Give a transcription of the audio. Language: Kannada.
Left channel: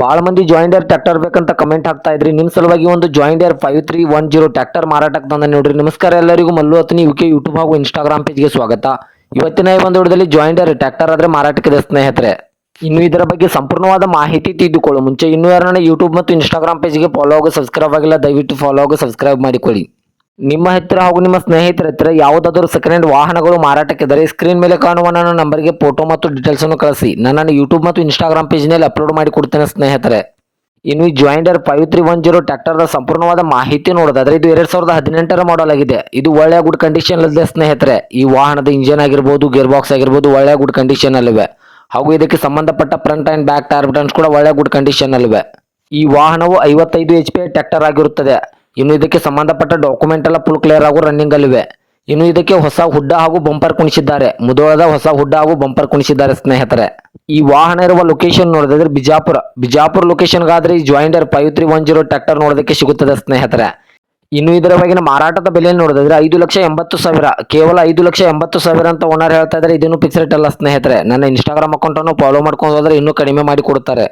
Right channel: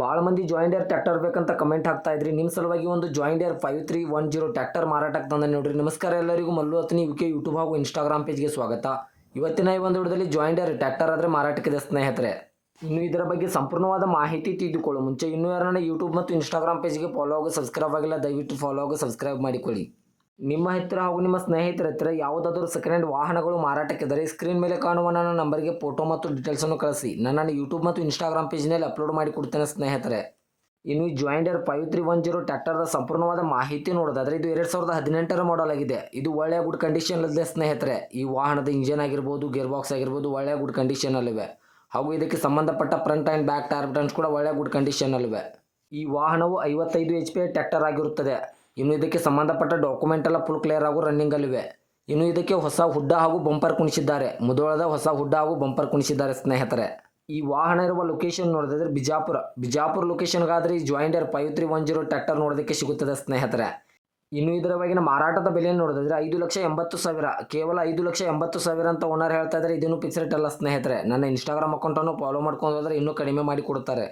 ಭಾಳ ಮಂದಿ ಜಾಯಿಂಡರ್ ಟ್ರ್ಯಾಕ್ಟರ್ ಬೇಕಂತ ಕಮೆಂಟ್ ಹಾಕ್ತಾ ಇದ್ರಿ. ನಿಮ್ಮ ಸಲುವಾಗಿ ಒಂದು ಜಾಯಿಂಡರ್ 5310 ಟ್ರ್ಯಾಕ್ಟರ್ ಮಾರಾಟಕ್ಕೆ ತಂದ ನೋಡ್ರಿ. ನಮಸ್ಕಾರ ಎಲ್ಲರಿಗೂ, ಮಲ್ಲು ಅತನಿ ಯುಕೆ ಯೂಟ್ಯೂಬ್ ಹಾಗೂ ಇನ್ಸ್ಟಾಗ್ರಾಮ್ ಪೇಜ್ಗೆ ಸ್ವಾಗತ. ಇವತ್ತಿನ ಈ ಒಂದು ವಿಡಿಯೋದಲ್ಲಿ ಜಾಯಿಂಡರ್ ಟ್ರ್ಯಾಕ್ಟರ್ ಆದರೆ ಮಾರಾಟಕ್ಕಿದೆ ಸ್ನೇಹಿತರೆ. ಇನ್ನು ಇದರ ಬಗ್ಗೆ ಸಂಪೂರ್ಣವಾದ ಮಾಹಿತಿ ತಿಳಿದುಕೊಳ್ಳೋ ಮುಂಚೆ ಇನ್ನೂ ಯಾರನ್ನ ಯೂಟ್ಯೂಬ್ ಮತ್ತು ಇನ್ಸ್ಟಾಗ್ರಾಮ್ ಪೇಜ್ಗೆ ಫಾಲೋ ಆಗೋ ಸಬ್ಸ್ಕ್ರೈಬ್ ಆಗಿಲ್ಲ, ದಯವಿಟ್ಟು ಫಾಲೋ ಆಗೋ ಸಬ್ಸ್ಕ್ರೈಬ್ ಮಾಡಿಕೊಳ್ಳಿ. ನಿಮ್ಮ ಹತ್ತಿರ ಹಾಗೂ ನಿಮ್ಮ ಸ್ನೇಹಿತರ ಹತ್ತಿರ ಯಾವುದಾದರೂ ಸೆಕೆಂಡ್ ಹ್ಯಾಂಡ್ ವಾಹನಗಳು ಮಾರಾಟಕ್ಕಿದ್ದರೆ ಸ್ಕ್ರೀನ್ ಮೇಲೆ ಕಾಣುವ ನನ್ನ ನಂಬರ್ಗೆ ಫೋಟೋ ಮತ್ತು ಡೀಟೇಲ್ಸ್ ಅನ್ನು ಕಳಿಸಿ. ನನ್ನನ್ನು ಯೂಟ್ಯೂಬ್ ಮತ್ತು ಇನ್ಸ್ಟಾಗ್ರಾಮ್ ಪೇಜ್ನಲ್ಲಿ ಅಪ್ಲೋಡ್ ಮಾಡಿ ಕೊಡ್ತೇನೆ ಸ್ನೇಹಿತರೆ. ಇನ್ನು ಈ ಜಾಯಿಂಡರ್ 5310 ಟ್ರ್ಯಾಕ್ಟರ್ದ ಸಂಪೂರ್ಣವಾದ ಮಾಹಿತಿ ನೋಡೋದಾದ್ರೆ ಇದು 2018ರ ಮಾಡೆಲ್ ಆಗಿದೆ. ಇದು ಒಳ್ಳೆಯ ಗುಡ್ ಕಂಡೀಷನ್ ಅಲ್ಲಿದೆ ಸ್ನೇಹಿತರೆ. ಈ ವಾಹನದ ಇಂಜಿನ್ ಆಗಿರ್ಬೋದು, ಗೇರ್ ಬಾಕ್ಸ್ ಆಗಿರ್ಬೋದು ಒಳ್ಳೆಯ ಗುಡ್ ಕಂಡೀಷನ್ ಅಲ್ಲಿವೆ. ಹಾಗೂ ಇದಕ್ಕೆ ಸಂಬಂಧಪಟ್ಟ front and back tyre buttons ಕೂಡ ಒಳ್ಳೆಯ ಗುಡ್ ಕಂಡೀಷನ್ ಅಲ್ಲಿವೆ. ಈ ವಾಹನವು 55 HP ಟ್ರ್ಯಾಕ್ಟರ್ ಆಗಿರುತ್ತದೆ. ಇನ್ನು ಇದಕ್ಕೆ ಸಂಬಂಧಪಟ್ಟ ಡಾಕ್ಯುಮೆಂಟ್ ಎಲ್ಲ ಫುಲ್ ಕ್ಲಿಯರ್ ಹಾಗೂ ರನ್ನಿಂಗ್ ಅಲ್ಲಿವೆ. ಇನ್ನು ಇದಕ್ಕೆ ಹೊಸ ಹುಡ್ಡ ಹಾಗೂ ಬಂಪರ್ ಕುಣಿಸಿದ್ದಾರೆ. ಮುದೋಳದ ಹೊಸ ಹುಡ್ಡ ಹಾಗೂ ಬಂಪರ್ ಕುಣಿಸಿದ್ದಾರೆ ಸ್ನೇಹಿತರೆ. ಈ ವಾಹನ ಇರುವ ಲೊಕೇಶನ್ ನೋಡಿದ್ರೆ ಬಿಜಾಪುರ ಲೊಕೇಶನ್ಗಾದ್ರೆ ಈ ಜಾಯಿಂಡರ್ 5310 ಟ್ರ್ಯಾಕ್ಟರ್ ನೋಡೋದಕ್ಕೆ ಸಿಗುತ್ತದೆ ಸ್ನೇಹಿತರೆ. ಇನ್ನು ಇದರ ಬಗೆಗಿನ ಮಾರಾಟದ ಬೆಲೆ ನೋಡಿದ್ರೆ 5,80,000, ಕೇವಲ 5,80,000 ಅಂತ ಓನರ್ ಹೇಳ್ತಾ ಇದ್ದಾರೆ. ಇದನ್ನು ಫಿಕ್ಸ್ ರೇಟ್ ಅಲ್ಲ ಸ್ನೇಹಿತರೆ. ನನ್ನ ಇನ್ಸ್ಟಾಗ್ರಾಮ್ ಅಕೌಂಟ್ ಅನ್ನು ಫಾಲೋ ಮಾಡ್ಕೊಂಡು ಹೋದ್ರೆ ಇನ್ನೂ ಕಡಿಮೆ ಮಾಡಿ ಕೊಡ್ತಾರೆ.